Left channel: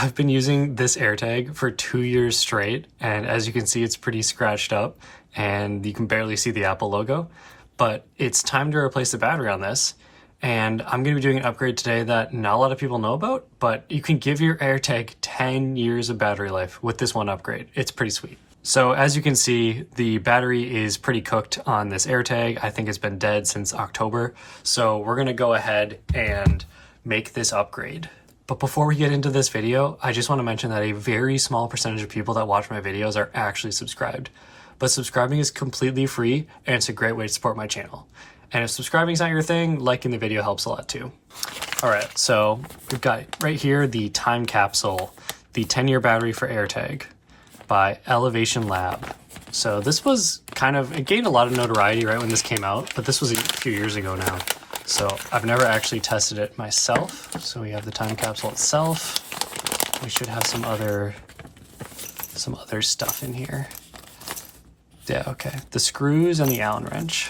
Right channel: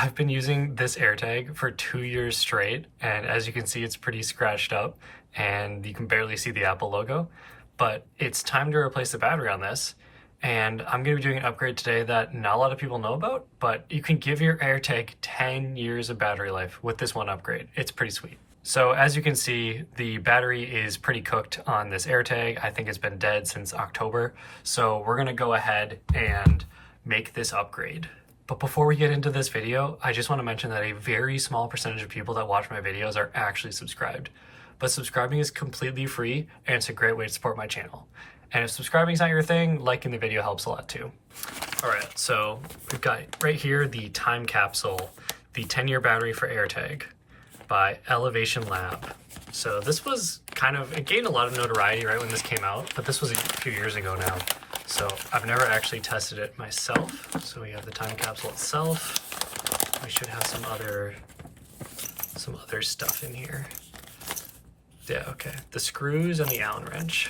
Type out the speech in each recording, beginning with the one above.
I've been using this AirTag for 2 years straight, and as you can see, it's pretty scratched up and you can barely see the Apple logo, but it's time to replace the battery on this. And I'm going to be doing an upgrade today that not a lot of people know about, but you can give your AirTag 10 years of battery life with this one upgrade. It's pretty sweet. So as you can see, the battery is pretty cooked on this AirTag. I think it's been dead since October. So we're going to go ahead and make this upgrade. But before we get into this video, I just want to mention that a very small percentage of people that watch my videos are actually subscribed. But subscribing is completely free and it's a great way to support my channel. And if subscribing is not your thing, liking the video helps a lot too. All right, so we've got right here the time capsule, the 10-year battery for AirTag by Elevation Lab. So this was it gained a lot of notoriety right when this came out, but this was a few years ago now. So I've never actually tested it myself. So we have the time capsule itself. We should have some other stuff in here. Yeah, okay. The screws and the Allen wrench.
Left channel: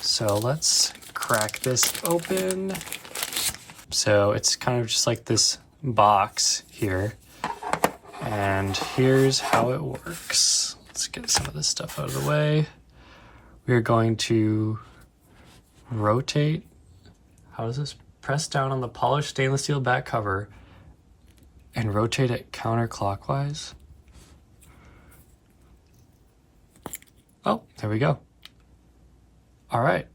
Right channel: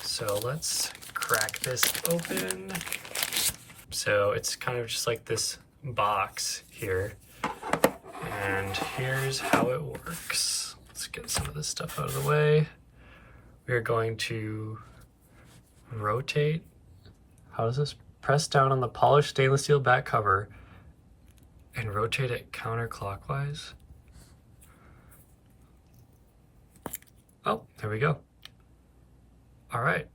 So let's crack this open. So it's kind of just like this box here. And here's how it works. Let's get some of this stuff out of the way. We are going to rotate. How does this? Press down on the polished stainless steel back cover and rotate it counterclockwise. Oh, there we go. All right,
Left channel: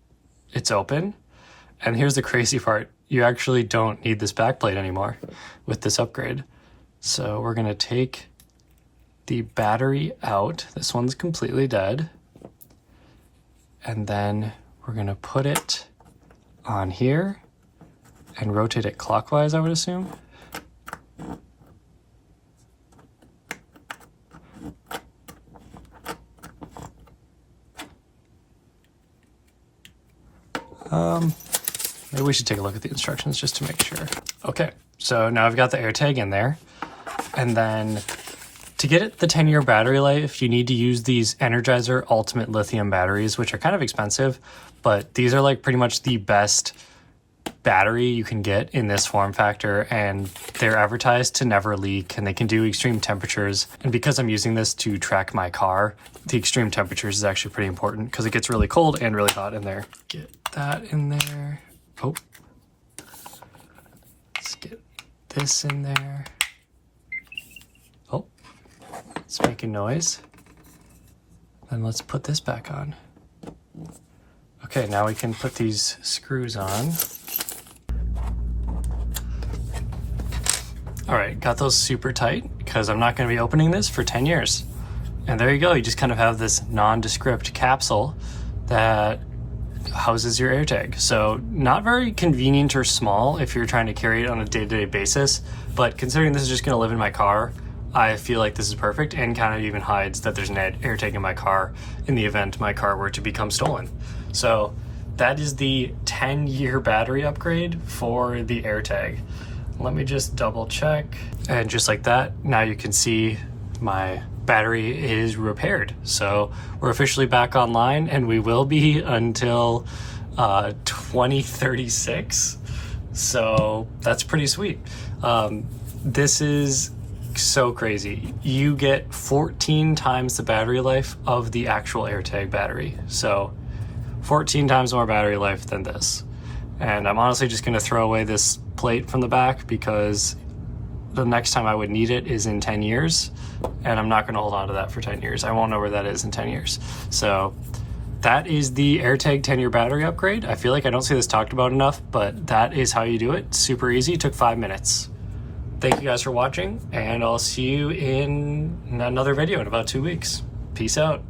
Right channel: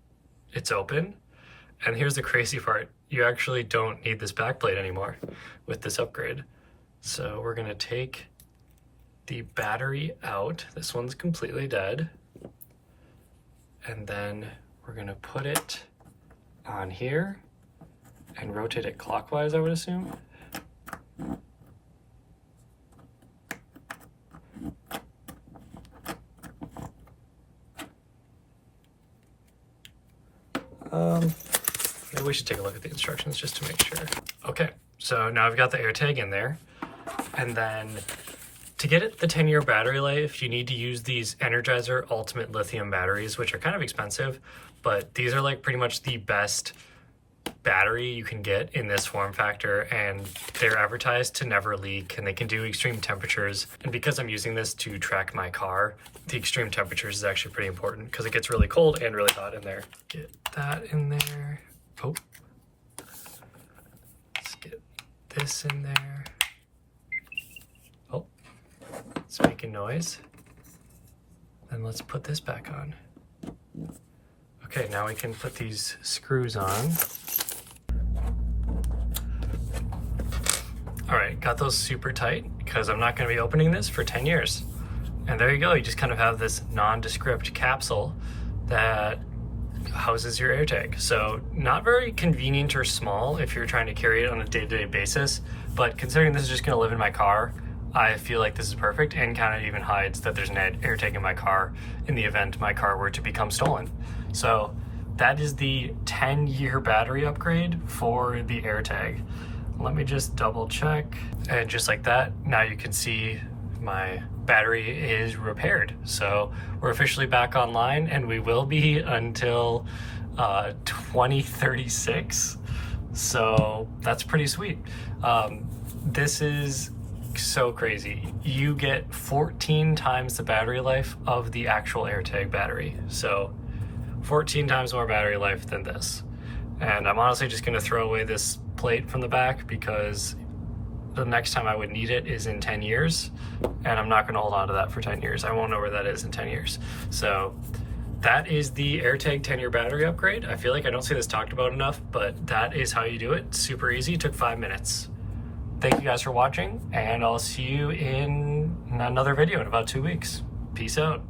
it's open. And here's the crazy part. You actually don't need this backplate anymore with this upgrade. So we're gonna take the battery out. This one's completely dead. And then we're gonna put it on here and rotate it clockwise, I would assume. Maybe we should take a look at the instructions just to make sure. Okay, so now I've got the AirTag in there. And then to get it the 10-year battery life, you need to use these Energizer Ultimate Lithium batteries, which are kind of expensive, but these are like pretty much the best battery you can get in this form factor, and they're advertised to never leak, and they can do extreme temperatures. And because I'm using this to track my car, the extreme temperatures is actually pretty important because it gets really cold and really hot in there. Get that in there. Oh, let's get this in there. Oh, it's making noise. Then let's put this back on. Okay, now we can put these screws on. All right, got those super tight because I'm not going to be opening this for 10 years. And there you go. You just kind of have this nondescript capsule that houses your AirTag. So not very convenient or small if you're trying to carry it on a day-to-day basis, but considering this is just going to live in my car, I feel like this is perfect, and kind of even hides that there's an AirTag in my car in the event my car were to become stolen. So that is the 10-year battery upgrade for the AirTag. Let me just double check. And just like that, now you can see my battery is repaired. So we're officially back online, and we will be until 2036. So that's pretty sweet. This is so crazy. You get 14 times the battery life of the actual AirTag battery. So 14 times more battery life than this. And I'm honestly just gonna throw away this plate from the back because the next time I would need it is in 10 years, and I'm not gonna hold on to that for 10 years. I won't know where that is in 10 years. So that is the AirTag 10-year battery upgrade. I feel like I don't see this talked about enough, but that is how you do it. Super easy, took 5 minutes. Thank you guys for watching, and I'll see you in another video in about 2 weeks. Peace out.